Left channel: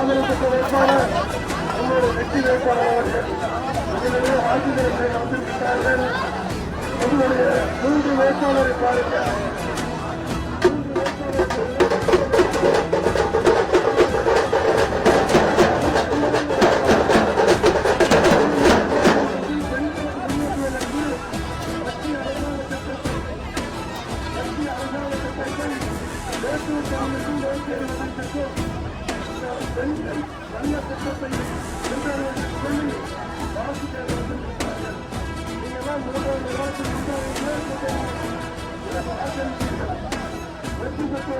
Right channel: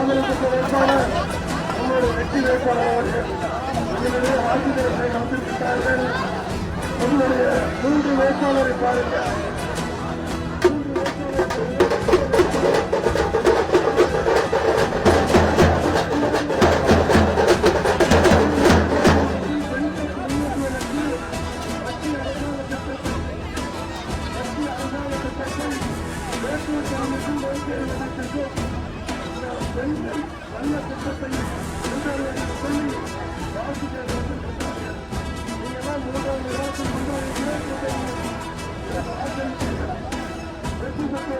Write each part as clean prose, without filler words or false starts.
ஆதரவுக்கு வேட்பாளர் நம்முடைய வெற்றி வேட்பாளர் அவர்கள் இதனுடைய வாக்குகளை நம்பிவிட்டார்கள். நம்முடைய 3 வேட்பாளரை பாருங்கள். பெண்கள் நல்ல திட்டத்தை சொல்லி வாசிக்க நீங்கெல்லாம் 3வது இடத்தில் வெற்றி பெற்று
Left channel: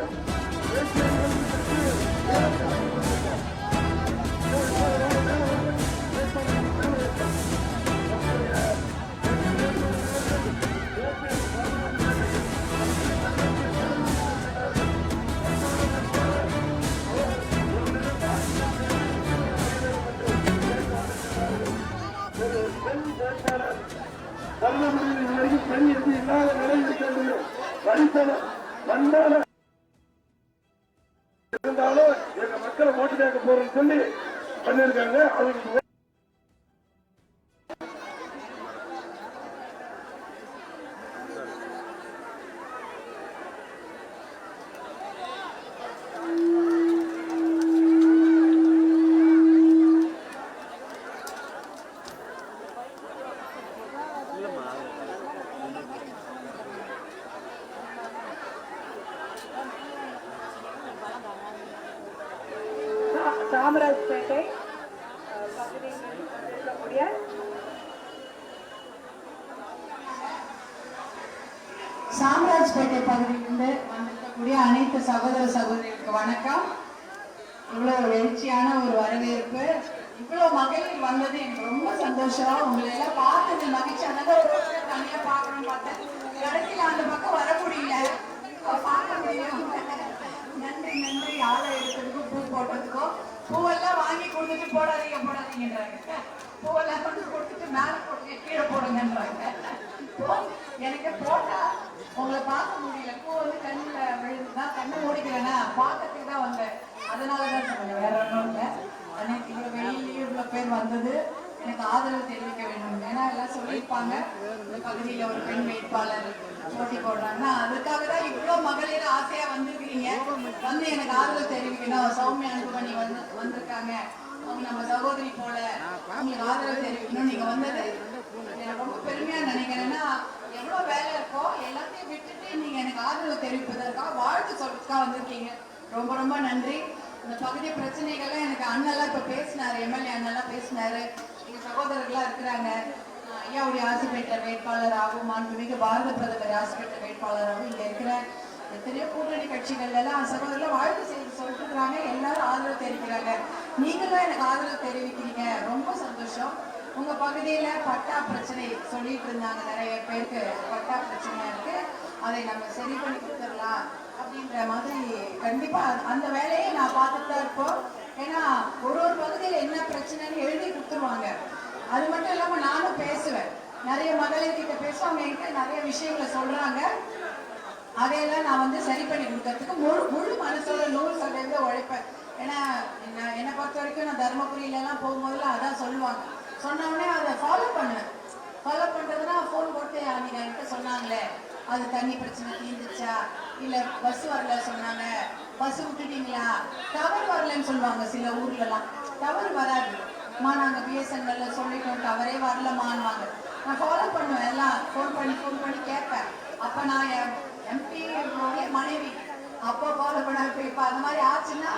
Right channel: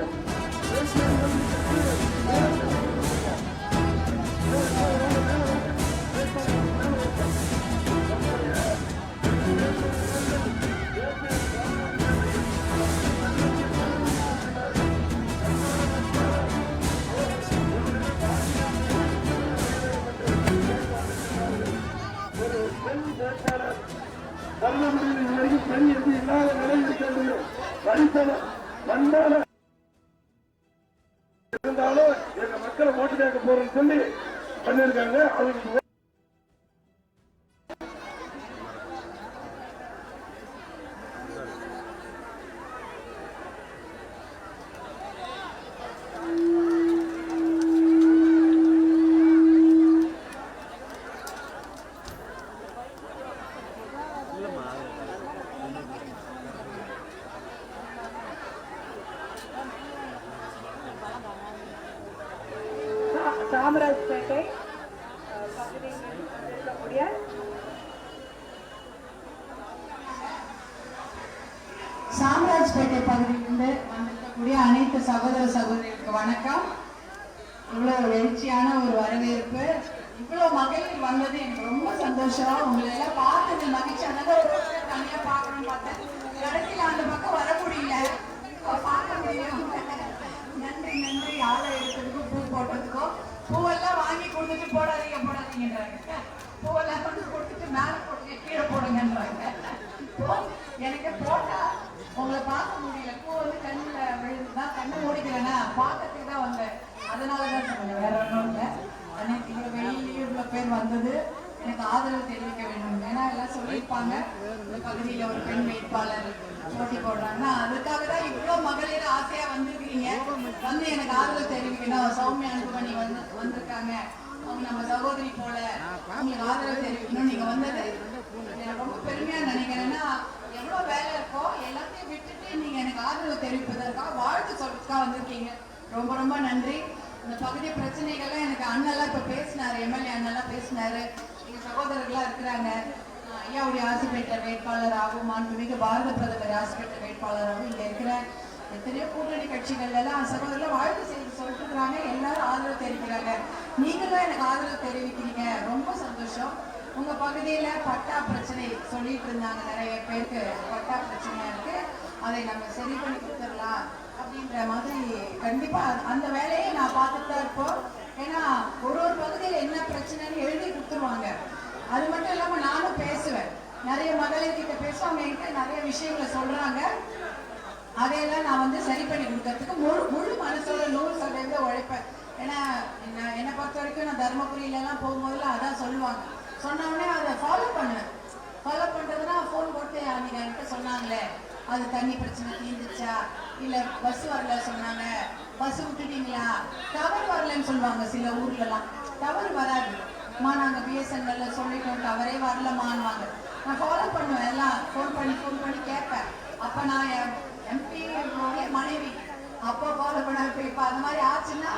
தருமபுரியில் பெண் என்று இல்லாத நிலையில் இருக்கிறது. வரிசனம் மண்ணால இருந்தாலும் எங்க மக்களை ஓட்டு கேட்க போறோம்னு சொல்லி பண்ணிருக்காங்க. அவங்களுக்கு சாமராஜ்பேட்டை பகுதியில் இருக்கக்கூடிய சாமராஜ்பேட்டை பகுதியிலிருந்து வந்திருக்கக்கூடிய அனைத்து சகோதர சகோதரிகளுக்கு வணக்கம். இவ்வளவு எழுச்சியான ஒரு வரவேற்பு, இவ்வளவு மகளிர் வந்தது எனக்கு ரொம்ப சந்தோஷம். உங்களை எல்லாம் பார்த்தது மகிழ்ச்சி. அதனால ஒரு தனியா பார்க்கணும்னு பார்த்தேன். கடைசியில் அந்த பக்கம் வர முடியல, பார்க்க முடியும். நன்றி நன்றி. ஆளை எடுத்ததுக்கும் பூ போட்டதுக்கும். பூவெல்லாம் வாங்கி கொடுத்துட்டு போடாதீங்கன்றாங்க. பூவெல்லாம் கொண்டு கொடுத்துட்டு மேல போடுங்க, கீழே போடுங்கன்றாங்க. எனக்கு போட்டா உங்களை பார்க்க முடியல. பூ வந்து கண்ணுல விழுந்துதான், கண்ணை மூடிக்கலன்னா பார்க்கறதுக்கு தான் வந்தேன். அதனாலதான் சொன்னேன், வேற ஒன்றும் இல்லை. எனக்கு இவ்வளவு வெளியிலேயே இவ்வளவு பேர் வந்தது எனக்கு ஆதரவு தெரிவிக்க வேண்டும். ஏன்னா எல்லாம் சொல்லியிருப்பாங்க இந்த பகுதியில ஒரு பெண் வேட்பாளர் போட்டி போடுறாங்கன்னா, அதுக்காக தான் இவ்வளவு மகளிர் ஆசையா வந்திருக்கீங்க. வந்து எனக்கு ஆதரவு தெரிவிக்கணும். சௌமியா அன்புமணி வந்திருக்காங்க, அவங்க நம்ம சகோதரி போல, அவங்களுக்கு ஆதரவு தெரிவிக்கணும். நீங்க வந்தது எனக்கு ரொம்ப பெருமையா நினைக்கிறேன்னா, எவ்வளவு வேலை இருக்கோ எல்லாத்தையும் விட்டுட்டு நீங்க எனக்கு ஆதரவு தெரிவிப்பதற்காக வாழ்த்து சொல்றதுக்காக வந்திருக்கீங்க. ரொம்ப ரொம்ப நன்றி. இந்த பகுதி பிரச்சனைகள்லாம் எனக்கு அண்ணெல்லாம் இப்ப பேசினாரு, எம்எல்ஏ அண்ணெல்லாம் பேசினாரு. எங்க சகோதரர்களா இருக்கிறாங்க. ஐயாவுடைய ஆசிரியர் வேட்பாளராகவும், மாண்புமிகு பாரத பிரதமர் ஆசிரியர் வேட்பாளராகவும் இங்க இருக்கிற எத்தனையோ கூட்டணி கட்சிகள் எல்லாம் சகோதரர்கள் வாழ்த்து செய்து சொல்லிட்டு இருக்கிறாங்க. எல்லாரும் ஆதரவு தெரிவிக்கிறாங்க. நீங்களும் எனக்கு ஆதரவு தெரிவிக்கிறீங்க, ரொம்ப சந்தோஷம். உங்க பகுதியில பட்டா பிரச்சனை சொல்லிட்டு இருந்தாங்க, நிறைய பேருக்கு பட்டா பிரச்சனையா இருக்கு, அதை நம்ம சரி பண்ணி கொடுத்துடலாம் அப்படின்ற மாதிரி. கண்டிப்பா அந்த வேலையை நான் பார்த்துட்டு தான் இருப்போம். ஏன்னா ஒரு பகுதியில என்ன பிரச்சனைன்னு எழுதி கொடுத்துருவாங்க. அது மட்டும் இல்லாம நானும் பேசுவேன், நிறைய மகளிர் கிட்ட பேசுவாங்க, என்கிட்ட நிறைய விஷயங்களை சொல்றாங்க. அதையெல்லாம் நான் வந்து சரி பண்ணி கொடுக்கறதுக்கு முழு மனசோட 100% உழைப்பேன். ஏன்னா என்னை பொறுத்த வரைக்கும் நான் தர்மபுரியில எல்லாம் போகும்போதெல்லாம் அதான் சொல்லுவாங்க. சொன்ன உடனே அதை ஃபாலோ பண்ணுவேன். ஃபாலோ பண்றதுன்னா ஃபோன் போட்டு நீங்க என்கிட்ட சொன்னாங்களே, அது தண்ணி பிரச்சனை தீர்ந்துச்சா, இல்ல பஸ் வரல சொன்னாங்க, பஸ் விட்டுட்டீங்களா, டவர் வரலன்னு சொல்லுவாங்க. சில ஊர்ல எல்லாம் டவர் வராது, நாங்க பிஎஸ்என்எல்ல சொல்லிட்டோம், டவரே வரலமான்வாங்க. நான் ஃபாலோ பண்ணுவேன், எல்லாம் ஃபோன் பண்ணி கேட்பேன். அப்ப நான் எம்பி மனைவி அப்போ ஃபாலோ பண்ண. இப்ப அந்த மாதிரி ஆச்சுன்னா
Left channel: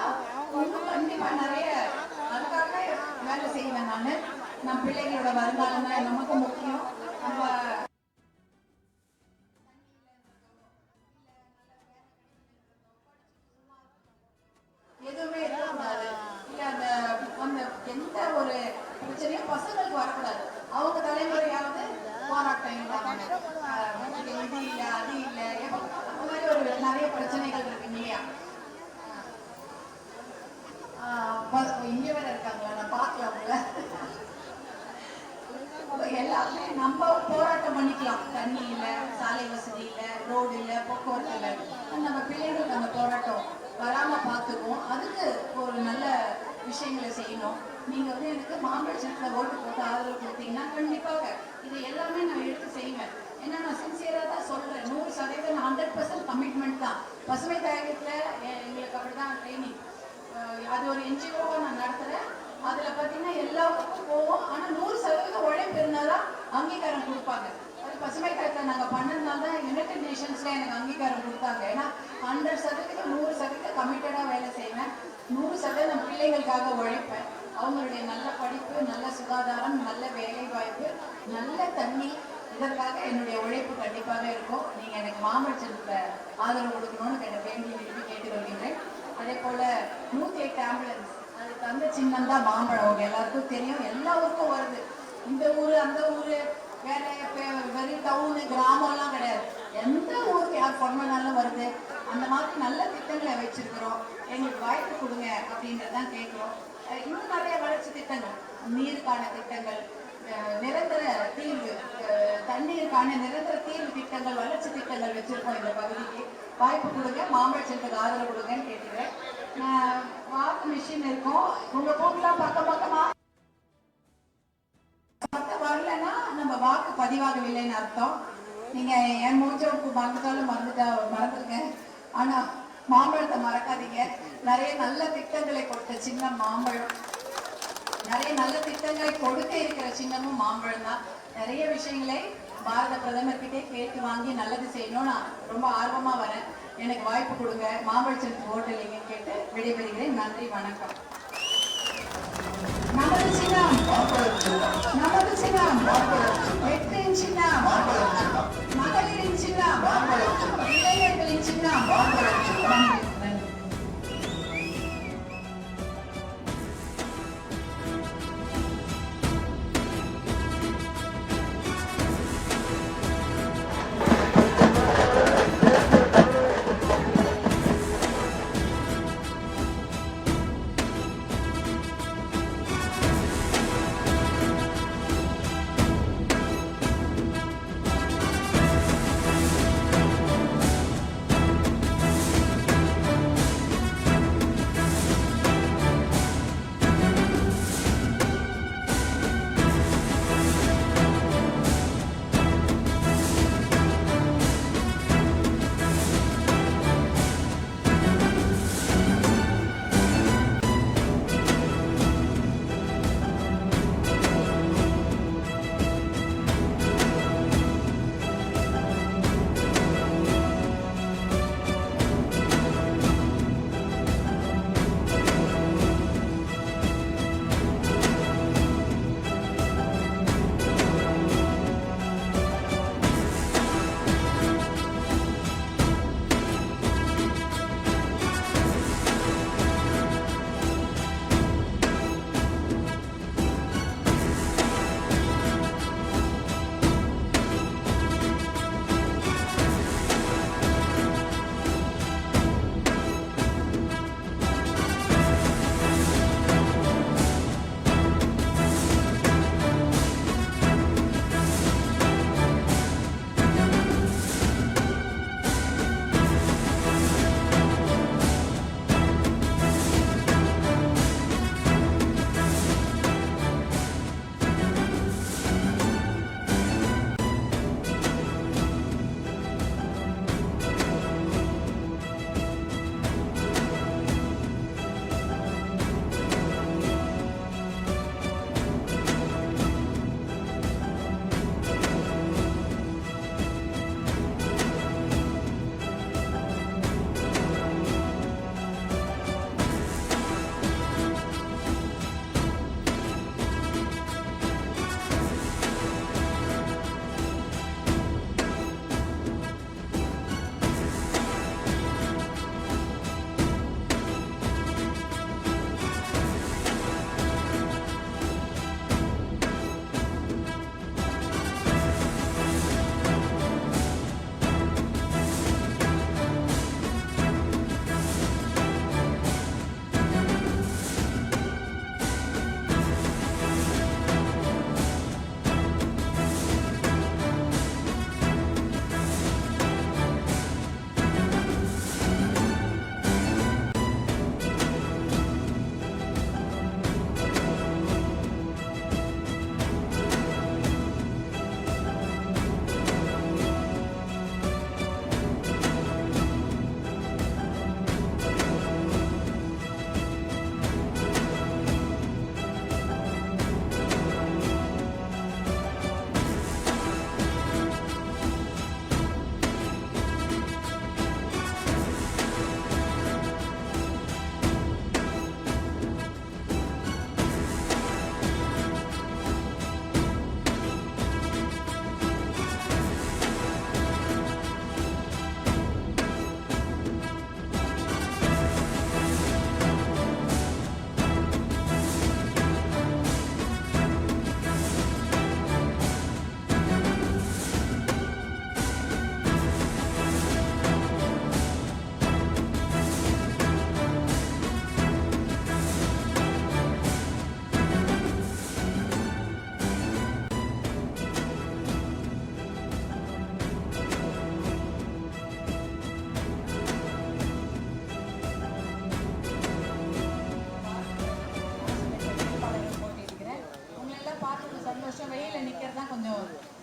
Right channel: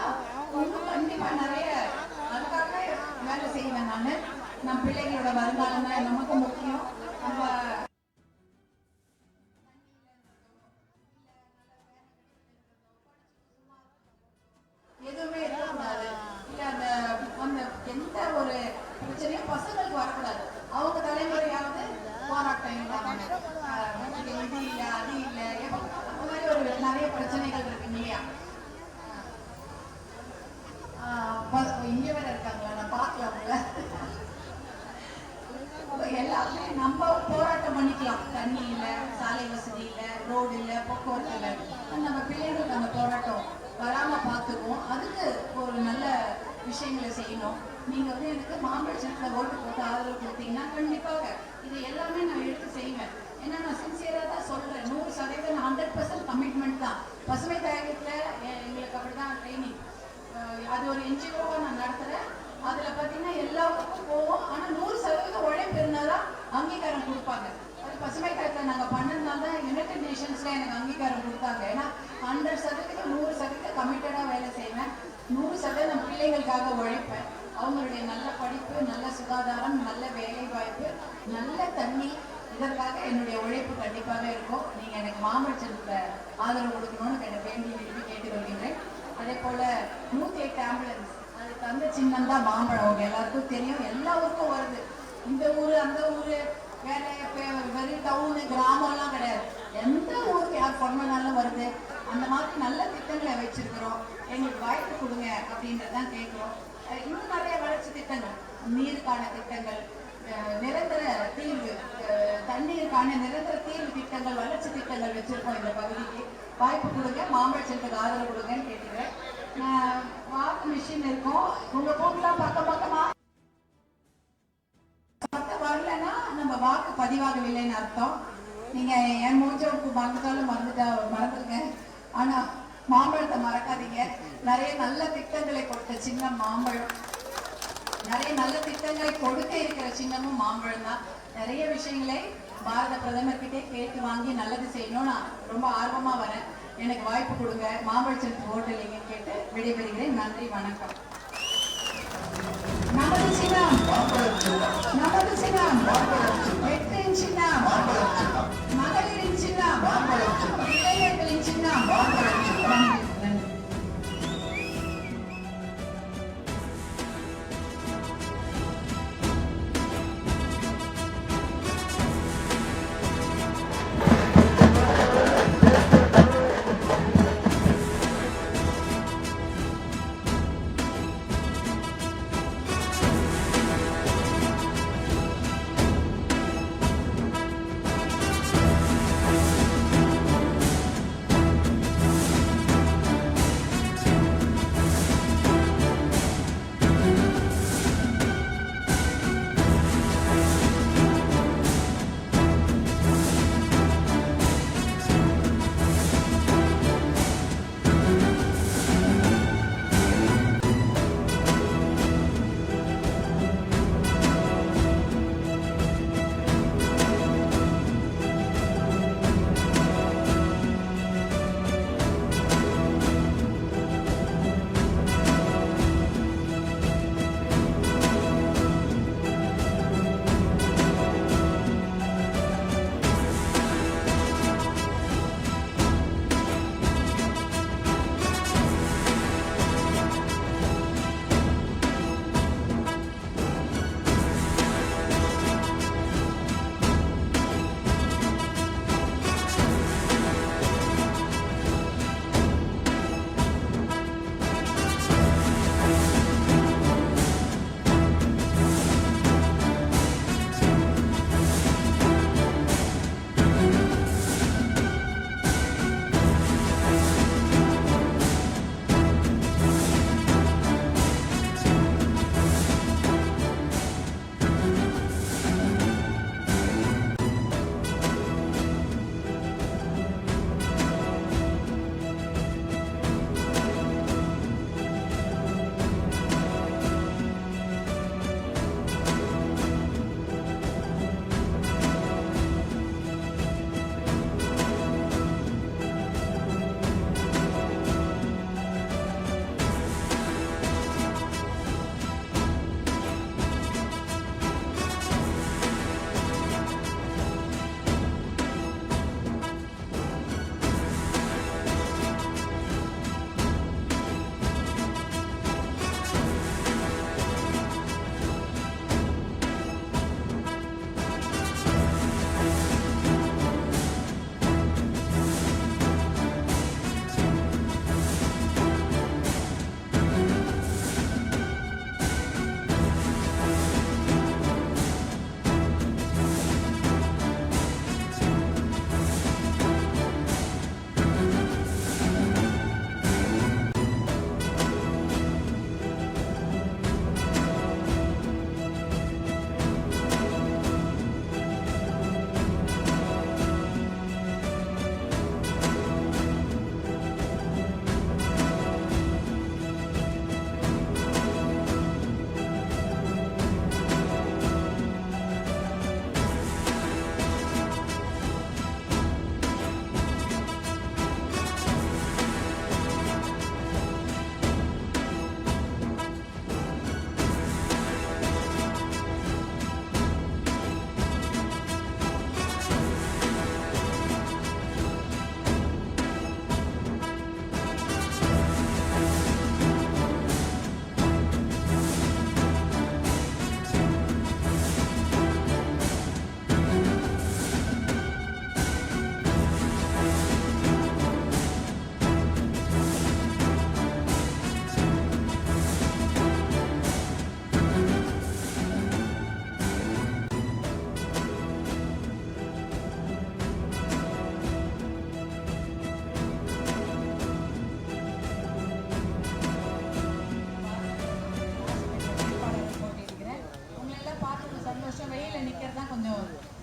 இன்னும் கண்டிப்பா நிறைய அதுக்காக வேலை செய்வேன். நம் பிள்ளைகளோட வருங்காலம் தான் நமக்கு முக்கியம். நம்ம எதுவுமே இருக்கக்கூடாது, இல்ல அந்த எந்த ஒரு பிரச்சனையும் பசங்களுக்கு வரக்கூடாது. அவங்க தலைமுறையாவது போராட்டம் இல்லாம இது இல்ல அது இல்ல அந்த மாதிரி ஒரு நிறைய பிரச்சனைகள் இருக்கு இல்லையா. இங்க வேற இருக்காங்களா, நான் பார்க்கல அவங்கள. எல்லாமே நம்ம போராட்டம் பண்ணிக்கலாம். தண்ணி இல்ல, சாலை வசதி இல்ல, ரோடு இல்ல, போக்குவரத்து இல்ல, நம்ம பிள்ளைங்களுக்கு அந்த போராட்டம் வராம பார்த்துக்குவோம். அதுக்கு ஒரு நல்ல விஷயங்களை செய்யணும். நீங்க வந்து எனக்கு மாம்பழ சின்னத்துல ஓட்டு போட்டு ஆதரவு கொடுத்தீங்கன்னா கண்டிப்பாக இது எல்லாமே நான் எடுத்து செய்வேன். ஏன்னா நான் சின்சியரா தான் சொல்றேன். 100% 100% கமிட்மெண்ட் தான். பசுமை தாயகத்துல எங்களுக்கு அப்படிதான் ட்ரைனிங். அது ஒரு என்ஜிஓவா நான் நடத்துறேன். அதுல பாத்தீங்கன்னா எல்லா ஊருக்கும் போவோம். ஆனா 100% உழைப்பு இருந்தாதான் அங்கீகாரம் கொடுப்பாங்க. அது பசுமை தாயகத்துல நாங்க பண்ணதுனால தான் யுனைடெட் நேஷன்ஸ்ல எனக்கு அங்கீகாரம் கொடுத்தாங்க. ஏன்னா 100% 100% கமிட்டடா வேலை செய்வேன். 100% பிள்ளைகளுக்காக உழைப்பேன். அவங்களுடைய நல்ல படிப்பு, நல்ல சுகாதாரம், நல்ல வேலை வாய்ப்பு, நல்ல தண்ணி, இதற்காக என்னுடைய உழைப்பு கண்டிப்பாக இருக்கும். நீங்க எனக்கு மாம்பழத்துல ஆதரவு கொடுக்கணும்னு வேண்டி விரும்பி கேட்டுக்கொள்கிறேன். அதே போல 108 ஆம்புலன்ஸ் அது தந்த சின்னம் தான் மாம்பழம். அவங்க எல்லாருக்கும் தெரியும். எல்லா ஊருக்கும் வருது. இந்த ஊரு அந்த ஊரு வேற வெறும் டவுனு கிராமம் எல்லாம் கிடையாது. எந்த ஊருக்கு யார் பொண்ணாலும் வருது. அந்த மாதிரி நல்ல திட்டங்களை வச்சிருக்கிறோம். எங்களுக்கு வாய்ப்பு கொடுங்க அப்படின்றதான் கேட்கிறோம். இன்னும் நிறைய வளர்ச்சி திட்டங்கள், நீருக்கான திட்டங்கள், நிரந்தர தீர்வு, தண்ணீருக்கான நிரந்தர தீர்வு திட்டங்கள், வளர்ச்சி திட்டங்கள் வச்சிருக்கோம். இந்த பகுதிக்கு வாய்ப்பு கொடுங்க, மாம்பழத்துக்கு ஆதரவு கொடுங்கன்னு கேட்டுக்கிறேன். வாக்கு மிஷின் இருக்கும். உங்க போக்குலாம் பக்கம் பக்கமா வரலன்னா நம்ம வாக்கு பதிவாகவில்லைன்னு அர்த்தம். நீங்க என் மூச்சவுக்கு மறந்துருங்க. ஆனா மாம்பழத்தை மறக்காதீங்க. நிறைய நல்ல திட்டங்களை கொடுத்த சின்னம் மாம்பழம். நிறைய நல்ல திட்டங்களை கொடுக்க இருக்கிற சின்னமும் மாம்பழம் தான். நிறைய விஷயங்களை பாரத பிரதமர் கிட்டே கேட்டு வாங்கி நல்லது செய்யணும். நான் ரொம்ப ஆர்வமா வரேன். எனக்கு வாய்ப்பு கொடுங்க, மாம்பழத்திற்கு ஓட்டலைங்கன்னு கேட்டு விடைபெறுகிறேன். நன்றி, வணக்கம். நமது சின்னம், நமது சின்னம், வெற்றியின் சின்னம், மகளிரின் சின்னம், இளைஞர்களின் சின்னம். நன்றி.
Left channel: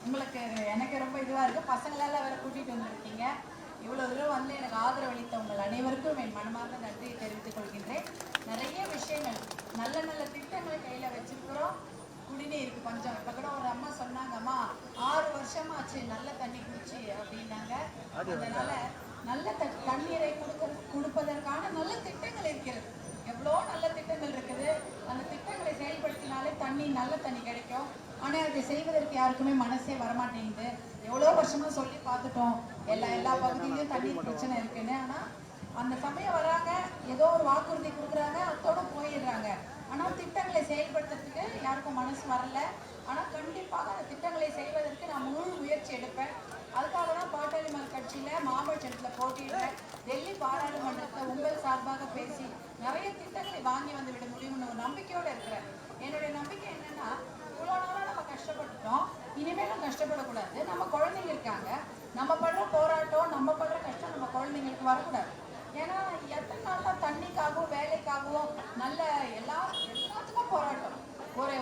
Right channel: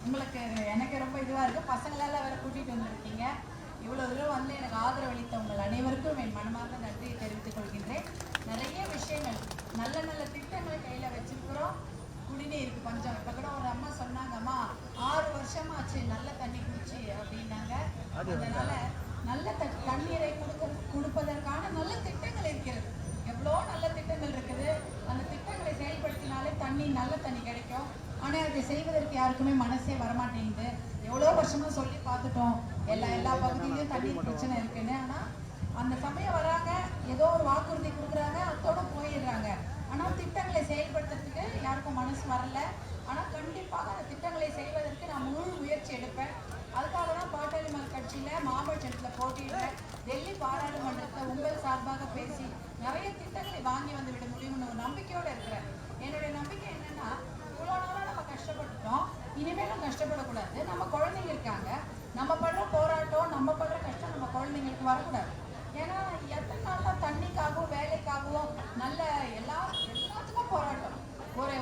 உங்களுக்கு எனக்கு ரொம்ப இதுவாக இருக்குது. பசங்களெல்லாம் வேற கூட்டிகிட்டு வந்திருக்கீங்க. இவ்வளோ தூரம் வந்து எனக்கு ஆதரவு அளித்த உங்கள் அனைவருக்கும் என் மனமார்ந்த நன்றியை தெரிவித்துக் கொள்கின்றேன். நிறைய விஷயங்கள் நல்ல நல்ல திட்டங்களை கையில் வச்சிருக்கிறோம். குடிநீருக்கு பஞ்சம். இப்போ கூட ஒரு அம்மா சொன்னாங்கம்மா 6 வருஷமாச்சு நல்ல தண்ணி குடிச்சு அப்படின்னாங்க. அதனால நல்ல தண்ணீரை கொடுப்பதற்கான நல்ல திட்டங்கள் இருக்கிறது. எவ்வளோ நல்ல திட்டங்கள் இருக்குது. அந்த திட்டங்களை செயல்படுத்தினாலே நல்ல தண்ணி கிடைக்கும். ஆனால் அதை செய்வதற்கு யாருக்குமே மனசே வரமாட்டேங்குது. எவ்வளோ வருஷமா சொல்லி பார்த்துட்டோம், எல்லா பகுதியிலையும் தண்ணீர் பிரச்சனை இருக்குன்னு. ஆனால் அந்த சமயம் வராங்க, ஏதோ ஒரு வாக்குறுதி கொடுக்குறாங்க, அதோட போயிடுறாங்க. ஆனால் திட்டங்களை செயல்படுத்துறதுக்கு யாருக்கும் மனசு வரல. ஆனால் கண்டிப்பாக அந்த திட்டங்களை செய்வதற்கு நான் முழு முயற்சி எடுப்பேன். அதுக்காக தான் பாட்டாளி மக்கள் கட்சியில் மாம்பழத்தில் போட்டியிடுறேன். டெல்லி பாராளுமன்றத்தில் உங்கள் சார்பாக பேசி நிறைய திட்டங்களை வாங்கி வந்து விட முடியும்னு ஒரு நம்பிக்கையோடு இருக்கிறேன். என்னுடைய நம்பிக்கை என்னன்னா, இவ்வளோ நாளாக நம்ம கஷ்டப்பட்டுட்டோம், இனிமேலும் கஷ்டப்படக்கூடாது. நம்ம குழந்தைங்க இருக்காங்க, நம்ம படுற போராட்டம், நம்ம படுற கஷ்டம் நம்ம குழந்தைங்களுக்கு வரக்கூடாது. ஏன்னா எத்தனை நாள் தான் தண்ணிக்காகவும் வேலைக்காகவும் நல்ல எல்லாத்துக்கும் போராட்டம்.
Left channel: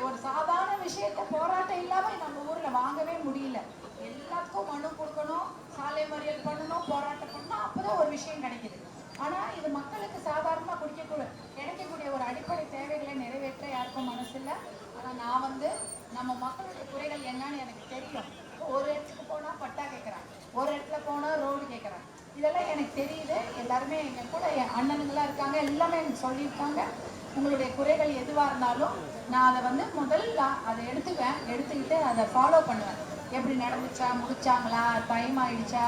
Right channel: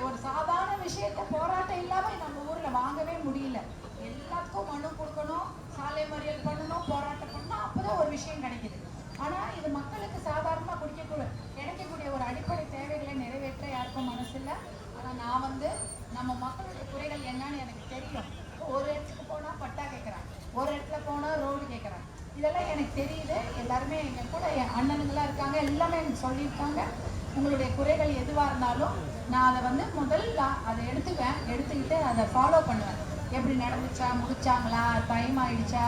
ஒரு சாதாரண விஷயத்த போராட்டம் இல்லாமல் நம்ம ஊரில் வாங்கவே முடியல. எல்லாத்துக்கும் மனு கொடுக்கணும், சாலை மறியல் பண்ணணும், போராட்டம் பண்ணணும், அப்போதான் ஒரு விஷயம் கிடைக்குது. ஆனால் இது மக்களுக்கு சாதாரணமாக கிடைக்கக்கூடிய ஒரு அடிப்படை தேவைகளை நிறைவேற்ற யாருக்கும் மனசு இல்லை. ஆனால் நான் வந்து நம்ம மக்களுடைய குறைகள் என்னன்னு எனக்கு தெரியும். ஒரு இடத்துக்கு போனால் பட்டா கேட்குறாங்க, ஒரு இடத்துல போனால் ரோடு கேட்குறாங்க. இதெல்லாம் எனக்கு தெரியுது. எல்லாருமே எங்கள் கூட என் அண்ணனுங்களாம் இருக்காங்க, எல்லாமே எனக்கு சொல்லியிருக்காங்க. உங்களுடைய குறைகள் எதுவாக இருந்தாலும் நான் அதை வந்து முதல்ல அதை எடுத்துக்கிட்டு அதை ஃபாலோ பண்ணுவேன். எப்படி நடந்துச்சா, முடிச்சாங்களா, டைம் ஆயிடுச்சா,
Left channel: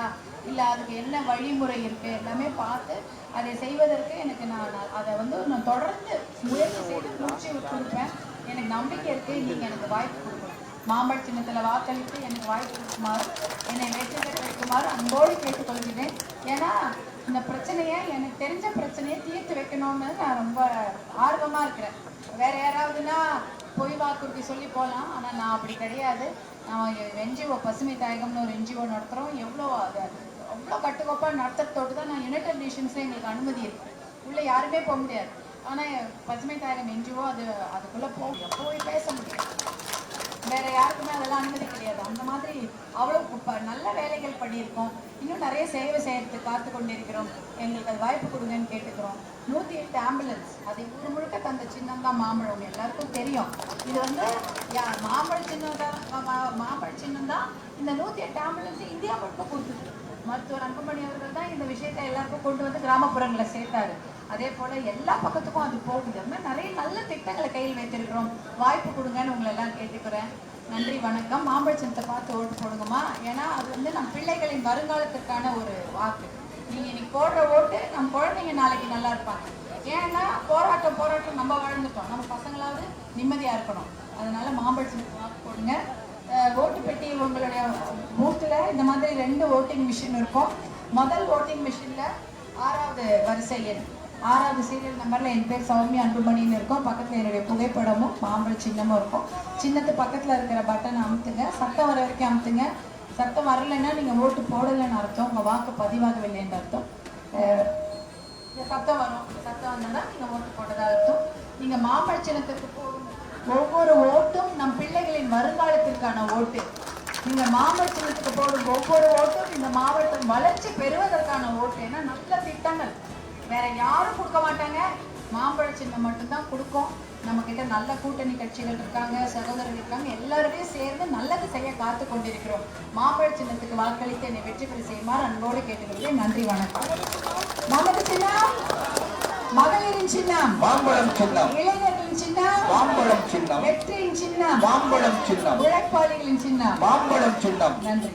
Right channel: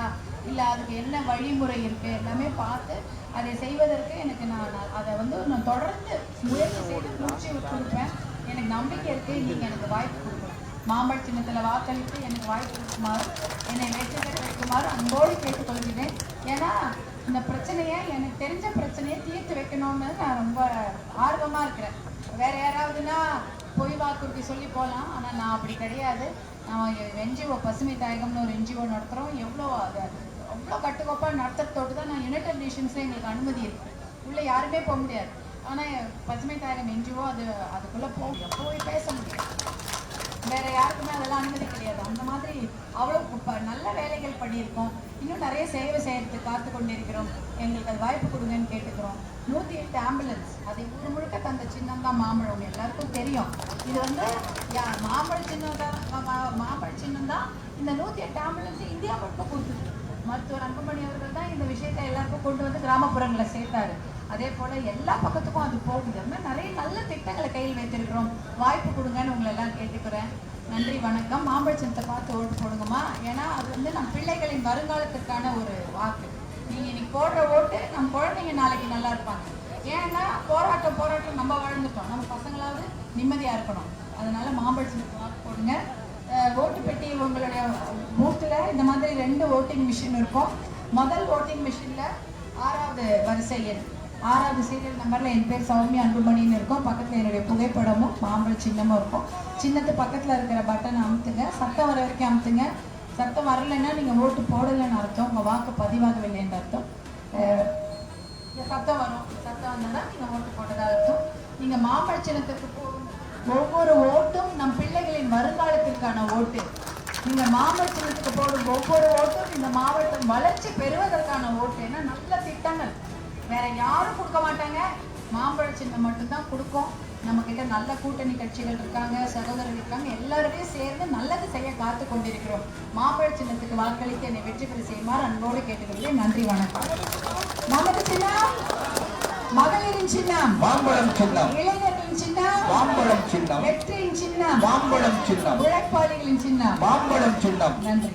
இல்லை அதுக்கு என்ன வழிமுறை இருக்குது, எல்லாமே பார்த்து அதை செய்வதற்கு எனக்கு நான் அதை வந்து நான் தொடர்ந்து முயற்சி செய்து முடிச்சு கொடுப்பேன். எனக்கு நம்பிக்கை இருக்குது. நீங்கள் எனக்கு வாய்ப்பு கொடுக்கணும். மாம்பழ சின்னத்தில் வாக்களித்து எனக்கு வாய்ப்பு கொடுக்குமாறு, என்னை வெற்றி பெற வைக்குமாறு அன்போடு கேட்டுக்கொள்கிறேன். ஏன்னா இந்த பிரச்சனையை, எனக்கு தெரிஞ்ச பிரச்சனையை தீர்த்து வைக்கணும்னு நான் ரொம்ப ஆர்வமாக இருக்கிறேன். வேற யாராவதுன்னா பொய் வாக்குறுதி சொல்லி போகலாம், ஆனால் நான் அப்படி கிடையாது. நான் என்ஜிஓ பசுமை தாயகம்னு ஒரு என்ஜிஓ நடத்துகிறோம். அவ்வளோ கட்டுக்கோப்பாக நடத்துறதோடு தான் நான் யுனைடெட் நேஷன்ஸில் எங்களுக்கு அனுமதி இருக்குது. உள்ளே யாருமே போக முடியாது. ஆனால் பசுமை தாயகம் என்ஜிஓ அதுக்குள்ளே போய் பேச முடியும். வேற யாருக்குமே அதெல்லாம் அனுமதி கிடையாது. அந்த மாதிரி அவ்வளோ நல்ல வேலைகள் பண்ணியிருக்கோம். இன்னும் நிறைய சேவை செய்யறதுக்கு காத்து கொண்டிருக்கிறோம். எங்களுக்கு அது வாய்ப்பு கொடுங்கன்னு கேட்டுக்கிறோம். 108 ஆம்புலன்ஸ், அதை ஊர் முழுக்க தந்த சின்னம் தான் மாம்பழம். எல்லாருக்கும் தெரியும். இது வந்து மாம்பழ சின்னம் தான் இந்த 108 ஆம்புலன்ஸ் இந்தியா மட்டும் கொடுத்துருக்கு. மருத்துவர் அன்புமணி அவர்கள் தான் இந்த விஷயத்தை எல்லாருக்கும் கொண்டு வந்து கிராமப்புறங்களை சேர்த்தாரு. அதே போல எல்லா பக்கத்துக்கும் அது போகுது. நிறைய நல்ல திட்டங்களை கையில் வைத்திருக்கிறோம். வாய்ப்பு கொடுங்கன்னு உங்களை எல்லாம் கேட்டுக்கிறேன். நன்றி, வணக்கம். மாம்பழ சின்னத்தை பார்த்து ஓட்டு போடுங்கம்மா. ஏன்னா அது வந்து நம் பிள்ளைகளின் வருங்காலத்திற்கான ஒரு வாக்கு. நீங்கள் இன்னைக்கு போடுற ஓட்டு நம் குழந்தைங்க நாளைக்கு நல்லா இருப்பாங்க. ஏன்னா போராட்டம் நம்ம வாழ்ந்துட்டோம், நம்ம பசங்களாவது நிம்மதியாக இருக்கணும். அதனால மாம்பழ சின்னத்தை வாக்கு போடுங்க. ஓட்டு பெட்டி உங்களுடைய பூத்தில் இந்த மாதிரி 2 ஓட்டிங் மிஷின் இருக்கும். முதல் ஓட்டிங் மிஷினில் 6வது வரிசை எண் 6வது சீரியல் நம்பரில் என் பேர் சௌமியா அன்புமணின்னு இருக்கும். பக்கத்தில் என்னுடைய புகைப்படமும் மாம்பழ சின்னமும் இருக்கும். சின்னத்து பக்கத்தில் இருக்கிற பட்டனை அமுத்துங்க. சத்தம் வர வரைக்கும் அமுத்துங்க. சத்தம் வரலைன்னா நீங்கள் ஓட்டு போடலைன்னு அர்த்தம், உங்கள் வாக்கு பதிவாகவில்லைன்னு அர்த்தம். சத்தம் வரும். சத்தம் வந்தால் நீங்கள் ஓட்டு போட்டதாக அர்த்தம். நீங்கள் மாம்பழ சின்னத்துக்கு போகும் ஒவ்வொரு ஓட்டும் நம் பிள்ளைகளின் வருங்காலத்திற்கான ஓட்டு. நீங்க மாம்பழ சின்னத்துக்கு போடும் ஒவ்வொரு ஓட்டும் இந்த மாவட்டம் வளர்ச்சி பெறுவதற்கான ஓட்டு. ஏன்னா நல்ல திட்டங்கள் வேற யாரும் கொடுக்க மாட்டாங்க, மாம்பழ சின்னம் மட்டும்தான் கொடுக்கும். நம்ம கிட்ட நல்ல கூட்டணி கட்சிகள் இருக்காங்க, சகோதரர்கள் இருக்காங்க. எல்லாருமே சேர்ந்து நல்லது செய்ய காத்து கொண்டிருக்கிறோம். மாம்பழ சின்னத்துக்கு வாக்களித்து என்னை வெற்றி பெற செய்யுமாறு அன்போடு கேட்டுக்கொள்கிறேன். நன்றி, வணக்கம். நமது சின்னம் மகளிரின் சின்னம் மாம்பழம் சின்னம், இளைஞர்களின் சின்னம் மாம்பழம் சின்னம், வெற்றியின் சின்னம் மாம்பழம் சின்னம், உழைப்பாளிகளின் சின்னம் மாம்பழம் சின்னம். நன்றி.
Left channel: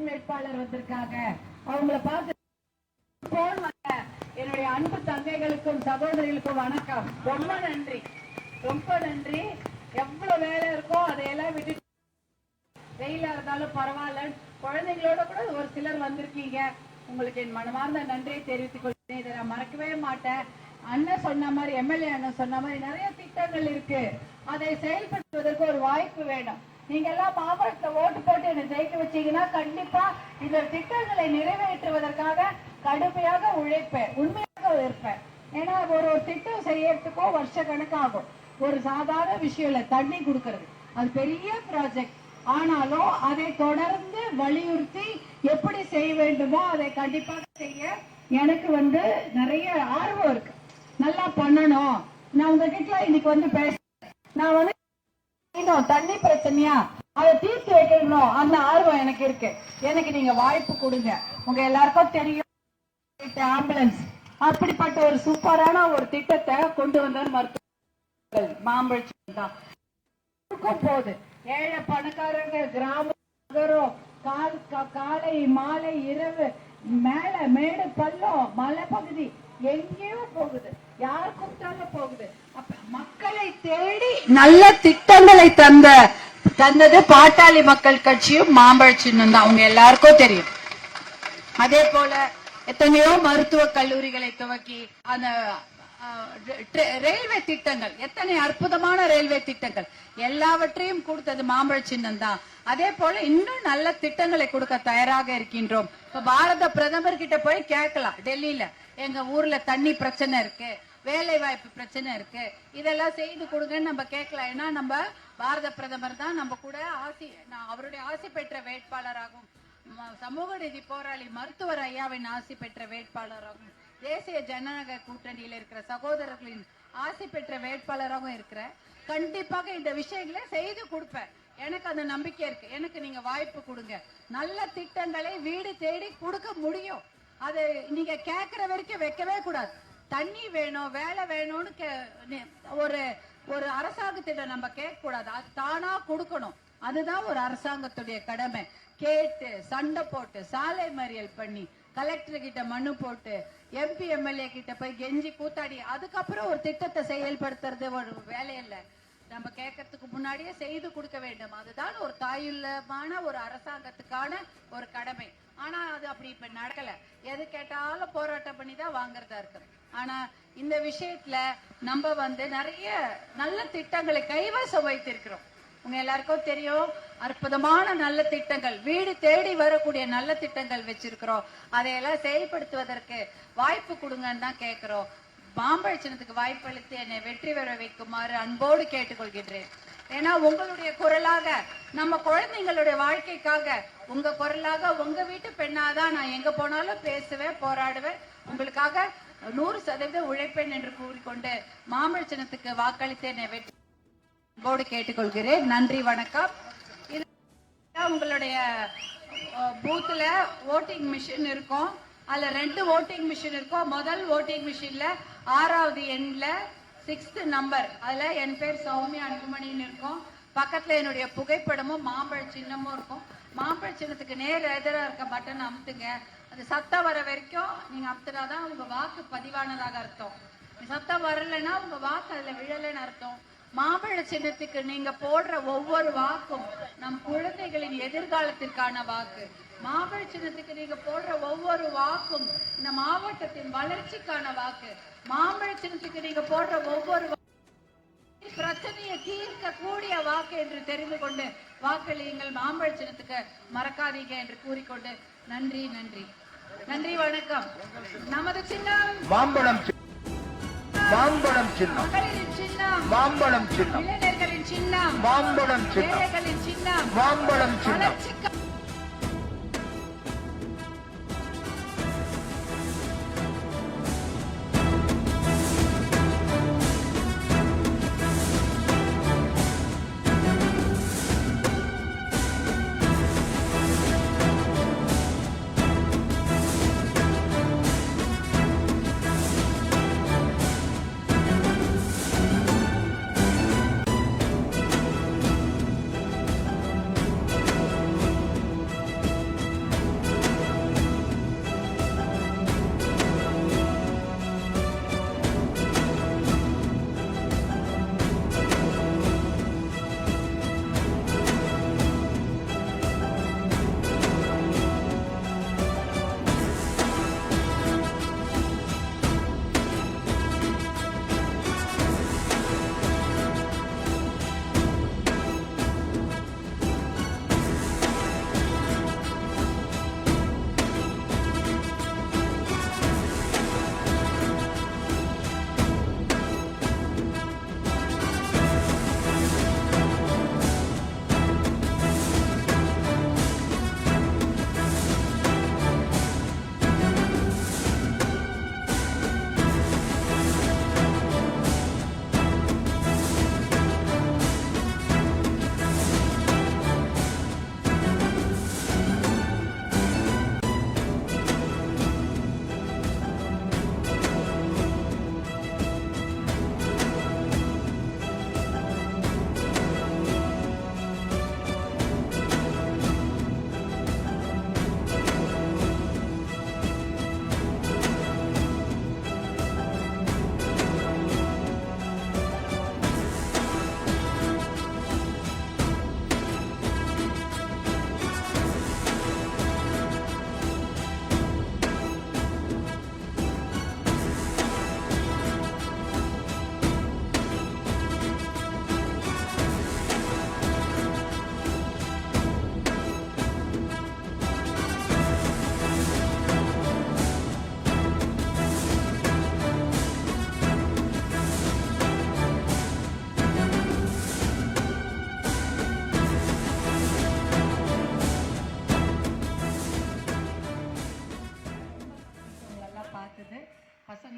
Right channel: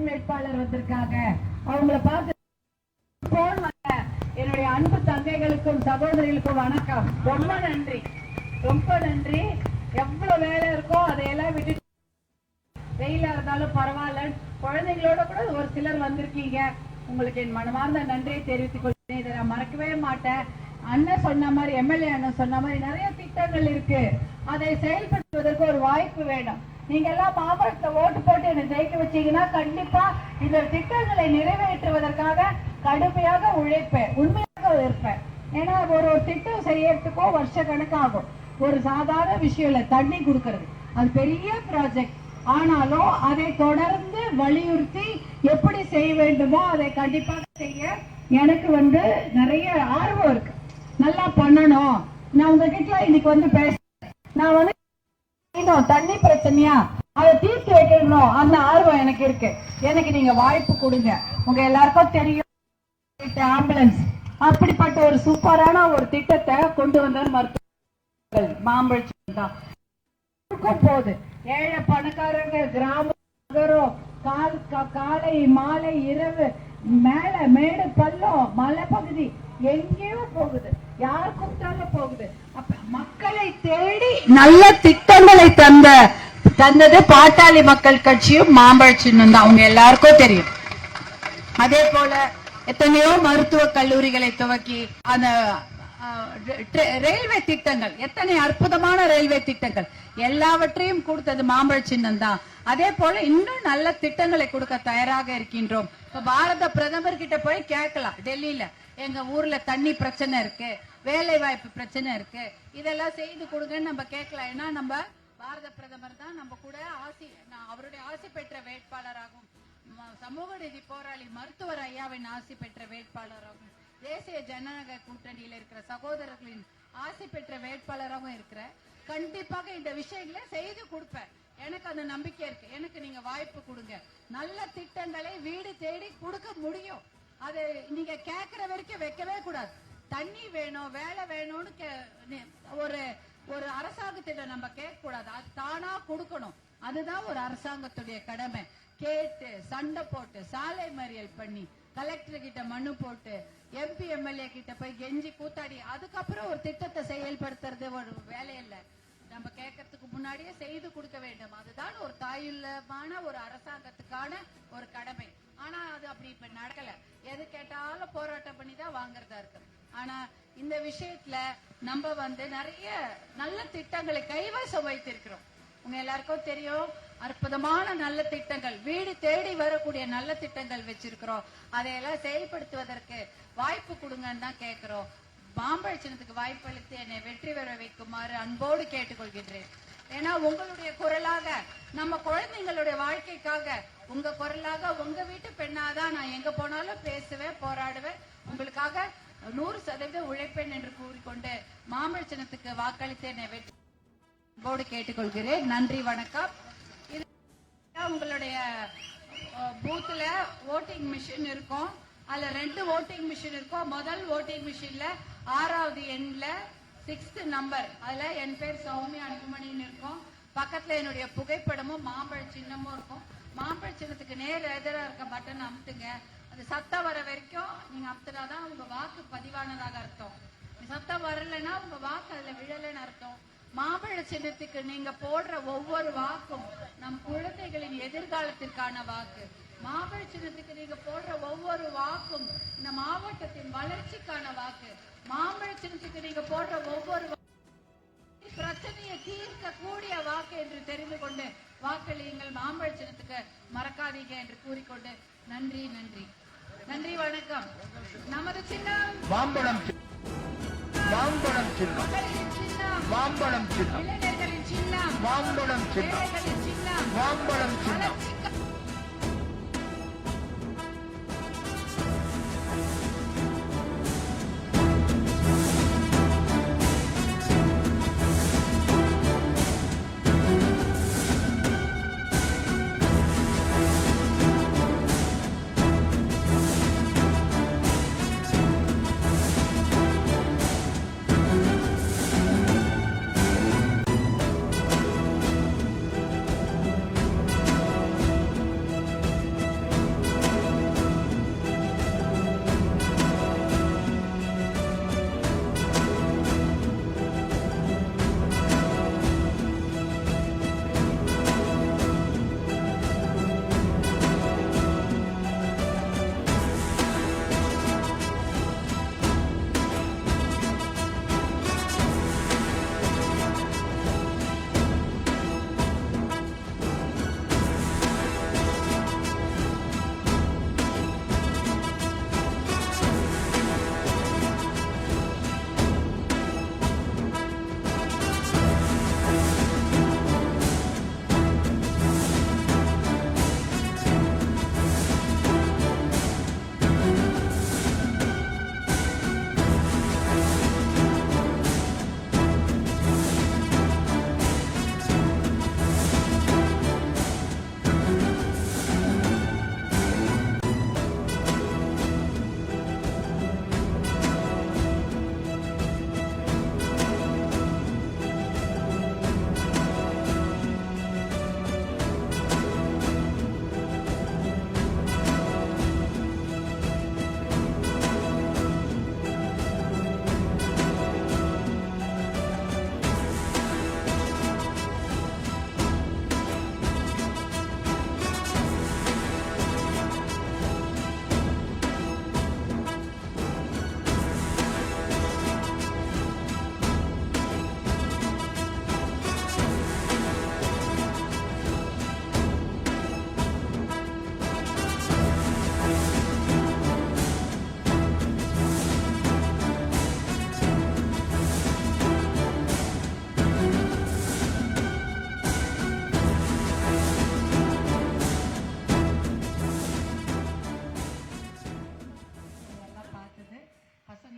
பெண் வேட்பாளர் வந்திருக்காங்க. அவங்கள பார்த்து என்னுடைய அன்பு தங்கைகளுக்கும் சகோதரிகளுக்கும் வணக்கம். ரொம்ப நன்றி, ரொம்ப நன்றி. எவ்வளவு வேலை இருக்கோ அதையெல்லாம் விட்டு வெயிலா இருந்தாலும் பரவாயில்ல, குழந்தைங்களோட கூட ஒரு சிலர் வந்திருக்கீங்க. உங்களுக்கு என் மனமார்ந்த நன்றியை தெரிவித்துக் கொள்கிறேன். இதை நான் மறக்கவே மாட்டேன். அண்ணன் சொன்ன மாதிரி, எம்எல்ஏ அண்ணன் சொன்ன மாதிரி நிறைய திட்டங்கள் இருக்கு. அதை செயல்படுத்துவதற்கு ஒரு வாய்ப்பு வேணும். நீங்க எல்லாம் மாவட்டத்தை ஓட்டு போட்டு என்னை ஜெயிக்க வச்சீங்கன்னா கண்டிப்பா இந்த திட்டங்களை நிறைவேற்றுவதற்காக கடுமையாக உழைப்பேன், உண்மையாக இருப்பேன். ஏன்னா ஒரு திட்டம் செய்யறதுக்கோ வருஷ கணக்காகும். ஒரு சாதாரண விஷயம் இல்ல, தண்ணி கொடுக்கறது அது பெரிய ப்ராஜெக்ட். ஆனாலும் அதை தொடர்ந்து வலியுறுத்தி எப்படி செய்ய வேண்டுமோ அதை கண்டிப்பாக செய்ய எனக்கு நிறைய ஆர்வம் இருக்கு. நல்லா பண்ணணும். நான் உங்ககிட்ட இன்னைக்கு பேசுறேன். நான் தண்ணி பிரச்சனையா அதை தீர்த்து வைக்கணும், அந்த ஆர்வம் எனக்கு இருக்கு. எனக்கு நீங்க வாய்ப்பு கொடுங்க. உங்க எல்லாருக்கும் தெரியும் ஆம்புலன்ஸ் அப்படிப்பட்ட ஒரு சூப்பரான ஒரு திட்டத்தை கொண்டு வந்தார் மருத்துவர்கள். மாம்பழம் தான் போகுது. ஏழை பணக்காரங்க, கிராமம், நகரம், காலை மாலை இரவு, மேல மேடு பள்ளம், மலை பகுதி எங்கேயோ போகுது, யார் கூப்பிட்டாலும் போகுது. அப்ப மக்களை தேடி நல்ல திட்டங்களை தந்தது பாட்டாளி மக்கள் கட்சியும் மாம்பழ சின்னம் தான், அவங்க எல்லாருக்கும் தெரியும். அதே போல எத்தனையோ மருத்துவ கல்லூரிகளை துவக்கி அந்த ரயில்வே திட்டங்கள், எத்தனை அற்புதமான ரயில்வே திட்டங்கள் எல்லாவற்றையும் கொடுத்தது மாம்பழ சின்னம் தான். அதே போல இன்னும் நல்ல திட்டங்களை கொடுக்க தயாராக இருக்கின்றோம். இப்ப பாரத பிரதமர் கிட்ட போய் கேட்கலாம், டெல்லியில எங்க ஊர்ல தண்ணி பிரச்சனை இருக்கு, வேலை வாய்ப்பு பிரச்சனை இருக்கு, இதெல்லாம் செய்து கொடுங்கன்னு நம்ம கேட்கலாம். ஏன்னா நம்ம பாரத பிரதமர் தான் நம்ம கூட அவருடைய ஆசி பெற்ற வேட்பாளராகும், சமூக நீதி போராளி மருத்துவர் ஐயாவின் ஆசி பெற்ற வேட்பாளராகும், தேசிய ஜனநாயக கூட்டணியில் இருக்கிற சகோதரர்களின் ஆசி பெற்ற வேட்பாளராகவும் இருக்கிற. கண்டிப்பாக இந்த விஷயங்களை செய்து கொடுப்பேன். எனக்கு அந்த நம்பிக்கை இருக்கு. எனக்கு நீங்க வாய்ப்பு கொடுங்க. நல்ல திட்டங்களை வீடு தேடி கொடுக்க முடியும். அது நீங்க கேட்கிற வரைக்கும் வைக்கவே கூடாது. தண்ணி வேணும், வேலை வேணும்னு ஒரு அரசாங்கத்திடம் நம்ம கேட்க கூடாது. அது தானா கொடுக்கணும். அதுதான் ஒரு அரசாங்கத்துடைய கடமை. கேட்டு சண்டை போட்டு சாலை மறியல் பண்ணி கலெக்டர் கிட்ட மனு போட்டு எம்பி எம்எல்ஏ கிட்ட போய் கெஞ்சி கூத்தாடி அதுக்கப்புறம் ஒரு திட்டத்தை செயல்படுத்துறது ஒரு வேலை இல்ல. நம்ம கேட்கறதுக்கு முன்னாடியே செய்து கொடுக்க வேண்டும். அதுதான் ஒரு தாயுள்ளமான ஒரு அரசாங்கத்துக்கான ஒரு கடமை. ஆனா அது அப்படி இப்ப நடக்கல. எது கேட்டாலும் போராட்டம் பண்ணி தான் வாங்குறதா இருக்கு. ஆனா இந்த விஷயத்துல நம்ம நிறைய நல்ல திட்டங்களை கைவசம் வைத்திருக்கிறோம். உங்க எல்லாருக்கும் தெரியும், அற்புதமான நல்ல திட்டங்கள், வீடு தேடி வரக்கூடிய நல்ல திட்டங்கள் வச்சிருக்கிறோம். அதையெல்லாம் செயல்படுத்துவதற்கு வாய்ப்பு கொடுங்கன்னு தான் கேட்கிறோம். மாம்பழ சின்னத்துக்கு வாய்ப்பு அளித்து என்னை வெற்றி பெற வைக்குமாறு அன்போடு கேட்டுக்கொள்கின்றேன். ஏன்னா உங்களுடைய குரலாக, நம்ம குழந்தைங்களுடைய வாழ்க்கைக்காக உங்க குரலாக, உங்க வீட்டு பெண்ணாதான் நான் எங்க போனாலும் பேசுவேன், போராடுவேன், உங்களுக்காக 100% உழைப்பேன் என்று கூறிக்கொண்டு மாம்பழ சின்னத்துக்கு வாக்களித்து என்னை வெற்றி அன்போடு கேட்டுக்கொள்கிறேன். நன்றி, வணக்கம். உங்களுடைய பூத்துல ஓட்டிங் மிஷின் இருக்கும். அதுல 2 ஓட்டிங் மிஷின் இருக்கும். முதல் ஓட்டிங் மிஷின்ல 6வது எண்ல 6th நம்பர், அதுல என் பேர் சௌமியா அன்புமணின்னு இருக்கும். பக்கத்துல என்னுடைய புகைப்படமும் மாம்பழ சின்னமும் இருக்கும். மாம்பழ சின்னத்துக்கு நேர் எதிராக இருக்க பட்டன் அமுத்துங்க. அது சத்தம் வர வரைக்கும் நீங்க அமுத்துனாதான் உங்க வாக்கு பதிவானதாக அர்த்தம். சத்தம் வரலைன்னா உங்க வாக்கு அதுல விழலைன்னு அர்த்தம். மாம்பழ சின்னத்துக்கு நீங்க போடுற ஒவ்வொரு வாக்கும் நம் குழந்தைகளின் எதிர்காலத்திற்கான வாக்கு. மாம்பழ சின்னத்துக்கு நீங்க போடுற ஒவ்வொரு வாக்கும் இந்த மாவட்டத்தின் வளர்ச்சிக்கான வாக்கு. மாம்பழ சின்னத்துக்கு நீங்க போடுற ஒவ்வொரு பிரச்சனையை தீர்க்க கூடிய வாக்கு என்று தெரிந்து கொண்டு வாக்களியுங்கள். மாம்பழ சின்னத்துக்கு மறக்காதீங்க என்று கூறிக்கொண்டு நன்றி, நன்றி, நன்றி, வணக்கம். நமது சின்னம் மாம்பழம், மாம்பழம் சின்னம், மகளிரின் சின்னம் மாம்பழம் சின்னம், இளைஞர்களின் சின்னம் மாம்பழம் சின்னம், ஏழைகளின் சின்னம் மாம்பழம் சின்னம். வளர்ச்சிக்கு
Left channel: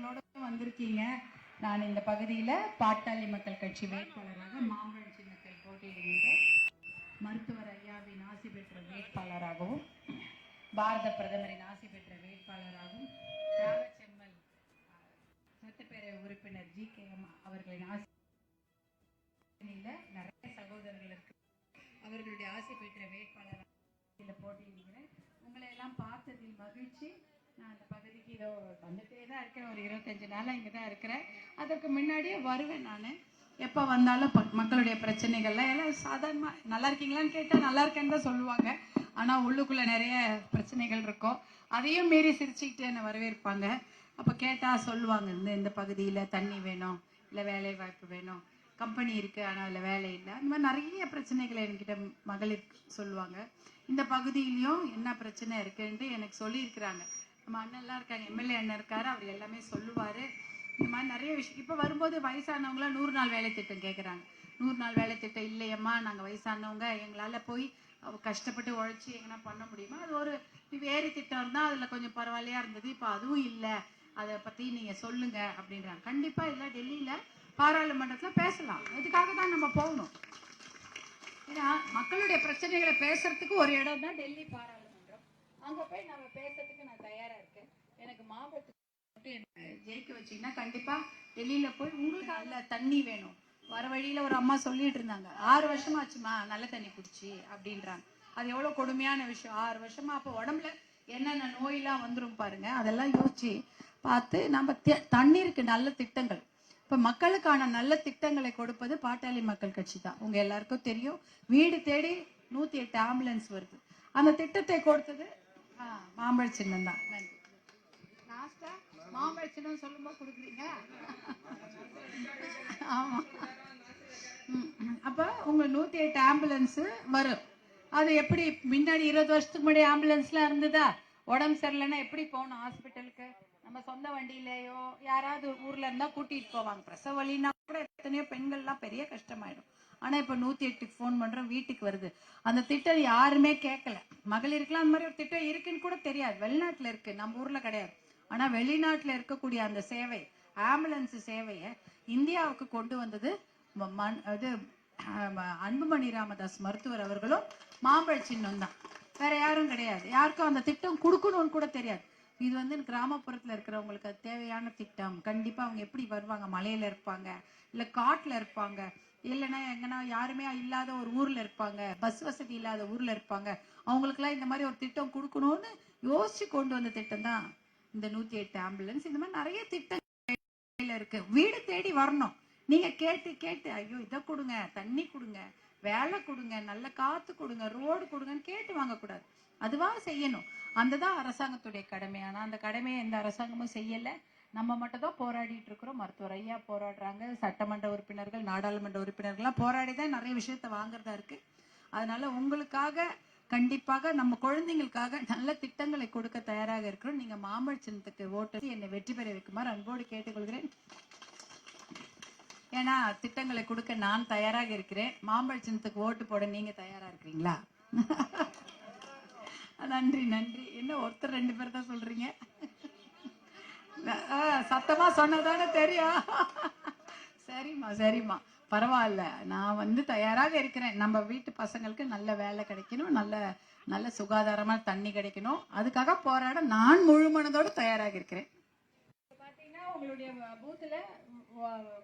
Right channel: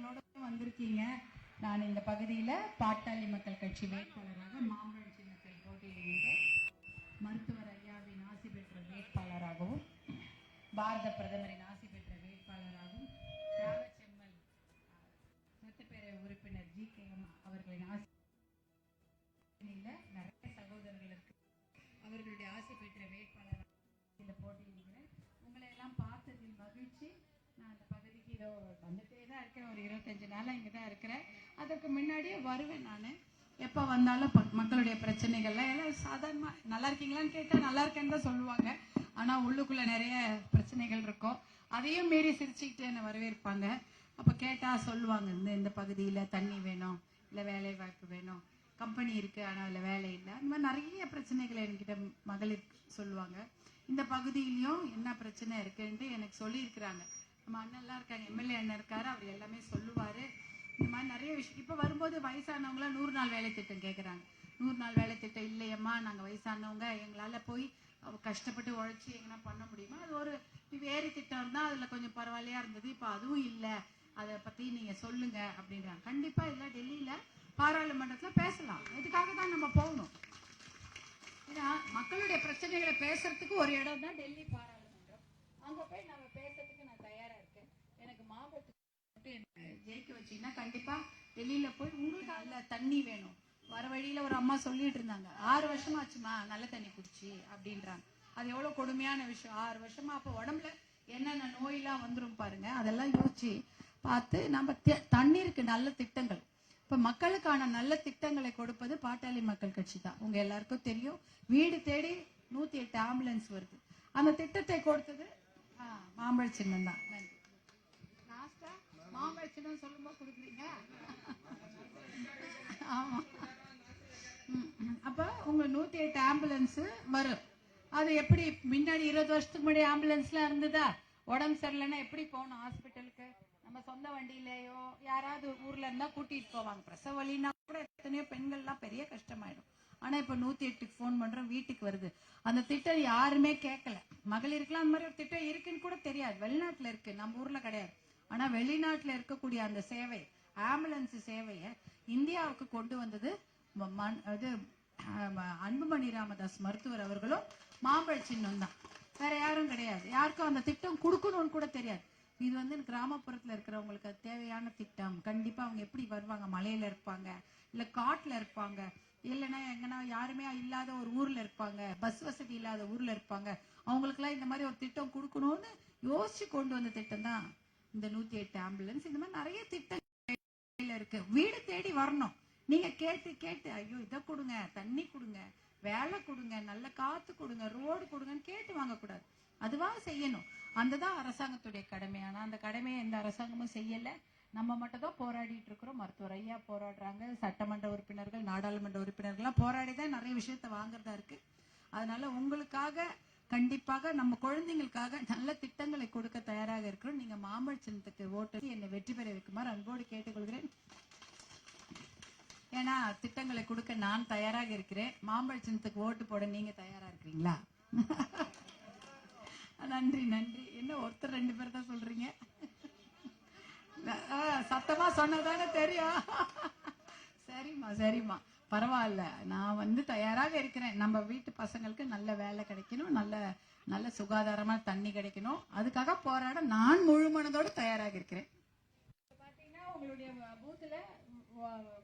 அவர்களோட வந்திருக்கீங்க. நான் இந்த பகுதியில பாட்டாளி மக்கள் கட்சி வேட்பாளராக மாம்பழம் சின்னத்தில் போட்டியிடுகின்றேன். மருத்துவர் ஐயாவின் ஆசி பெற்ற வேட்பாளராகவும் பாரத பிரதமரின் ஆசி பெற்ற வேட்பாளராகவும் தியாகச்செம்மல் சட்டப்பேரவை உறுப்பினர் GKM அவர்களின் ஆசி நிறைய சகோதரர்கள் இருக்கு. அவர்களுடைய ஆசி பெற்ற வேட்பாளராக போட்டியிடுகிறேன். உங்களை எல்லாம் பார்த்ததில் மகிழ்ச்சி. நான் அந்த பகுதிக்கு இதோ வந்துட்டே தான் இருக்கேன். ஒரு 25 நாளாக இங்கே தான் இருக்கிறேன். அதற்கு முன்னாடியே வருவேன். நான் எப்போ வந்தாலும் மக்களுடைய பிரச்சனைகள்லாம் எல்லாம் சாதாரணமாக நல்லா இருக்கீங்களான்னு கேட்டால் நல்லா இருக்கேன்னு தான் சொல்லுவாங்க. ஆனால் உள்ளுக்குள்ளே நிறைய பிரச்சனைகள் இருக்கும். அதையும் மீறி சிரிச்சுக்கிட்டு என்னை வரவேற்பாங்க. அப்போ கேட்டால் சொல்லுவாங்க, இந்த பகுதியில் தண்ணி வேணும், இல்லை வேலை வாய்ப்பு வேணும், கம்பெனி இருக்குது ஆனால் அதில் வேலை இல்லை, இந்த மாதிரி நிறைய பிரச்சனைகளை என்கிட்ட மகளிர் சொல்லுவாங்க. இந்த பகுதியிலையும் என்ன பிரச்சனை இருக்குன்ட்டு எனக்கு சொல்லியிருக்கிறாங்க. நம்ம அண்ணன்லாம் இருக்காங்க, MLA அண்ணன் இருக்காரு, அவர் எல்லாமே சொல்லுவார். இந்த மாதிரி நிறைய விஷயம். இப்போ வரும்போது வயசானவங்களாம் 100 நாள் வேலை திட்டம் கேட்குறாங்க. 100 நாள் வேலை திட்டம் இல்லையம்மா, நாங்கள் வயசானவங்க, எங்களால் போய் கஷ்டப்பட்டு உழைச்சி எங்கன்னா பண்ண முடியுமா? அது ஒரு வேறு திட்டம் இருந்தால் அதில் கொஞ்சம் பரவாயில்லையா இருந்தது. இப்போ அதுவும் இல்லை, அதை பற்றி நீங்கள் சொல்லுங்கள் அப்படின்றாங்க. கண்டிப்பாக இல்லை, டெல்லியில் பாராளுமன்றத்தில் பேசலாம். இதுக்காக தான் நம்ம போகணும். ஏன்னா மக்களுடைய பிரச்சனைகளை பேசுறதுக்கு ஒரு இடம் தான் டெல்லி பாராளுமன்றம். அங்கே போய் நம்ம பேசுறதுக்கு நான் தயாராக இருக்கேன். எனக்கு மாவட்டத்துக்கு ஜெயிக்க வச்சிங்கன்னா கண்டிப்பாக டெல்லியில் போய் உங்களுக்கு அதில் தண்ணி வேணும். வர வழியில் ஒரு அம்மா சொல்லிட்டு இருந்தாங்க, 6 வருஷமாச்சுமா நல்ல தண்ணி குடிச்சு அப்படின்றாங்க. அது எவ்வளோ கொடுமையான விஷயம். 6 வருஷமா அப்போ உடம்புல என்னென்ன நோயெல்லாம் வந்துடும் பாருங்க. அதெல்லாம் யோசிச்சு பார்த்து நம்ம தண்ணீருக்கு நல்ல திட்டங்கள், இப்போ மக்களுக்கான நல்ல திட்டங்களை கொடுப்பது பாட்டாளி மக்கள் கட்சி தான். உங்க எல்லாருக்கும் தெரியும், வீடு தேடி 108 ஆம்புலன்ஸ் வருது. அந்த திட்டத்தை கொடுத்தது மாம்பழ சின்னம் தான். நன்றி. லாஸ்டா மாம்பழ சின்னம் சொல்லும்போது கொடுக்குறீங்க. ஆமா, அப்ப உங்க 108 ஆம்புலன்ஸ் வரும். அது எப்படி முன்னாடி 20 வருஷத்துக்கு முன்னாடி ஆம்புலன்ஸ்லாம் இருந்ததா? உடம்பு சரியில்லைன்னா எப்படி போகணும் ஹாஸ்பிட்டலுக்கு? நம்ம சொந்த வண்டியிலேயோ யாராவது ஊர்ல இருந்தா கூட்டிட்டு போவாங்க. பிரசவ வலினா கூட எத்தனையோ பெண்கள்லாம் பெரிய கஷ்டமாயிடும். ஆனா இப்ப 108க்கு ஃபோன் பண்றோம், வீட்டுக்கு வருது. அந்த திட்டம் யாருமே கேட்கல. மகளிருக்குலாம் அந்த மாதிரி ஒரு திட்டம் இருக்குன்னு கூட தெரியாது. வெளிநாட்டுல இருக்கு, நம்ம ஊர்ல கிடையாது. ஆனா வெளிநாட்டுல இருக்கக்கூடிய அந்த சேவை, ஆம்புலன்ஸ் சேவையை இந்தியாவுக்கு கொண்டு வந்தது அன்புமணி ராமதாஸ் மருத்துவர் அவர்களும் மாம்பழ சின்னம் தான். வேற யாரும் கிடையாது. யாருக்கும் அந்த திட்டம் கொடுக்கணும்னு கூட தெரியாது. இது கிராமப்புறத்துல இருக்கிறவங்களுக்கு அது தேவையான திட்டம். கண்டிப்பா அவங்க எப்படி வருவாங்க? மலையில இருப்பாங்க, இல்ல காட்டுல இருப்பாங்க, இல்லைன்னா எங்கன்னா யாருமே இல்லாத ஒரு ஊர்ல இருப்பாங்க, பஸ் வசதி இல்லாத ஊர்ல இருப்பாங்க. அவங்களுக்கு எல்லாம் இந்த மாதிரி ஒரு திட்டம் கொடுக்கணும்னு யோசிச்சு கொண்டு வந்த திட்டம் தான் இந்த 108 ஆம்புலன்ஸ். இந்த மாதிரி நிறைய திட்டம் இருக்கு. வீடு தேடி வரணும். நீங்க கேட்டு கேட்டு ஐயோ இதை கொடுங்க, தண்ணி கொடுங்க, வேலை கொடுங்க, நல்ல காத்து கொடுங்க, ரோடு கொடுங்கன்னு கேட்டு வாங்கக்கூடாது. அதுவா செய்யணும். அந்ததான் அரசாங்கத்துடைய கடமை. ஆனா அந்த கடமையை எந்த அரசாங்கமும் செய்யல. நம்ம மட்டும் தான் போராடிட்டு இருக்கிறோம். மருத்துவர் ஐயா போராடுறாங்க, சட்டமன்ற உறுப்பினர்கள், நாடாளுமன்ற உறுப்பினர்கள்லாம் போராடி தான் நிறைய விஷயத்த வாங்குறதா இருக்கு. அதனால உங்களுக்காக கண்டிப்பாக, நம்ம குழந்தைங்களுக்காக நல்ல திட்டங்களை கொடுக்க தயாராக இருக்கிறோம். நீங்க மாம்பழ சின்னத்துக்கு ஓட்டு என்னை வெற்றி பெற வைக்குமாறு அன்போடு கேட்டுக்கொள்கிறேன். ஏன்னா திட்டங்களை கொடுக்க நான் தயாராக இருக்கிறேன். மாம்பழ சின்னத்துக்கு ஓட்டு போட நீங்க தயாரா இருக்கிறீங்களா? நன்றி நன்றி. என்ன ஒருத்தர் 2 பேர் தான் சொல்றீங்க? சத்தமா சொன்னதானே தெரியும். சரிம்மா சரிம்மா, பரவாயில்ல. நான் தயாராக இருக்கிறேன். நம்ம வீட்டு பசங்களுக்கு நல்ல வேலை கிடைக்கணும், நல்ல நல்ல சுகாதாரமா தண்ணி கிடைக்கணும். அதுக்காக போராட நான் முழு மனதோடு தயாராக இருக்கிறேன். பாத்தீங்கன்னா உங்களுடைய பூத்துல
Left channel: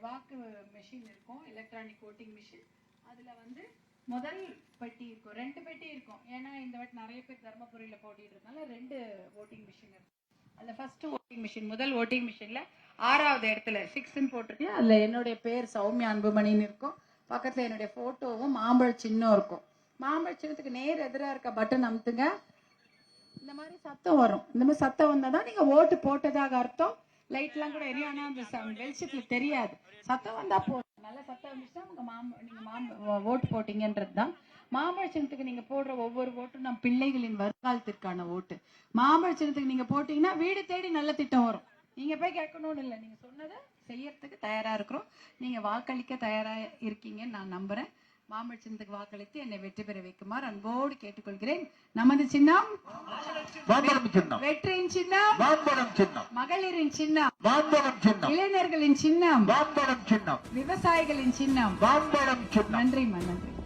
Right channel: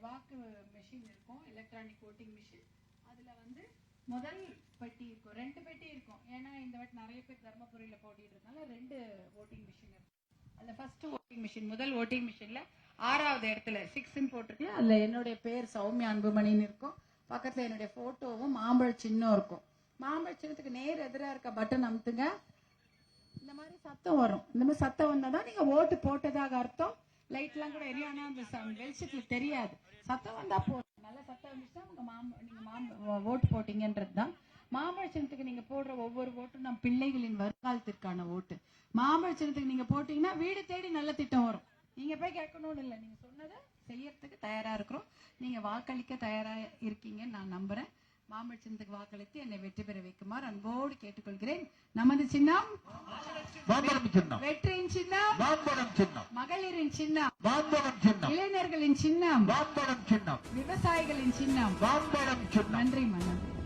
வாக்கு மெஷின் இருக்கும், எலக்ட்ரானிக் ஓட்டிங் மிஷின். அதுல முதல் பெட்டி இருக்கும், 2 பெட்டி இருக்கும். ஏன்னா இந்த வாட்டி நிறைய பேர் தர்மபுரியில போட்டிடுறதுனால 2 ஓட்டிங் மிஷின் இருக்கும். அதுல ஃபர்ஸ்ட் ஓட்டிங் மிஷின், முதல் ஓட்டிங் மிஷின்ல 6வது இடத்துல 6ன்னு போட்டிருக்கு. அதுல என்னுடைய பேர் சௌமியா அன்புமணின்னு இருக்கும். பக்கத்துல என்னுடைய போட்டோவும் மாம்பழ சின்னம் இருக்கும். மாம்பழ சின்னத்துக்கு நேர் எதிராக இருக்க பட்டன் அமுத்துங்க. இந்த மாதிரி சத்தம் வரும். இந்த மாதிரி சத்தம் வந்தாதான் நீங்க ஓட்டு போட்டதாக அர்த்தம். லைட் எல்லாம் கூட எரியும், ஆனா அந்த வெளிச்சத்துல தெரியாது. சத்தம் வந்தா போதும். நல்ல சத்தம் வந்துச்சுன்னா நீங்க ஓட்டு போட்டீங்கன்றதுதான். மாம்பழ சின்னத்துக்கு நீங்க போடுற ஒவ்வொரு ஓட்டும் நம் பிள்ளைகளின் வருங்காலத்திற்கான ஓட்டு. மாம்பழ சின்னத்துக்கு நீங்க போட்டீங்கன்னா வீடு தேடி நல்ல திட்டம் வரும். நீங்க போய் கேட்கணும்னு இல்லை, நீங்க சொன்னதை செய்யறதுக்கு தயாரா இருக்கிறோம். நீங்க வாக்களிக்க தயாரா இருக்கீங்கன்னு நான் நம்புறேன். மாம்பழ சின்னத்துக்கு வாக்களித்து என்னை வெற்றி பெற வைக்குமாறு அன்போடு கேட்டுக்கொள்கிறேன். நமது சின்னம் மாம்பழம் சின்னம். வெற்றியின் சின்னம் மாம்பழம் சின்னம். மகளிரின் சின்னம் மாம்பழம் சின்னம். இளைஞர்களின் சின்னம் மாம்பழம் சின்னம். விவசாயிகளின் சின்னம். மாம்பழம் சின்னம். நன்றி நன்றி.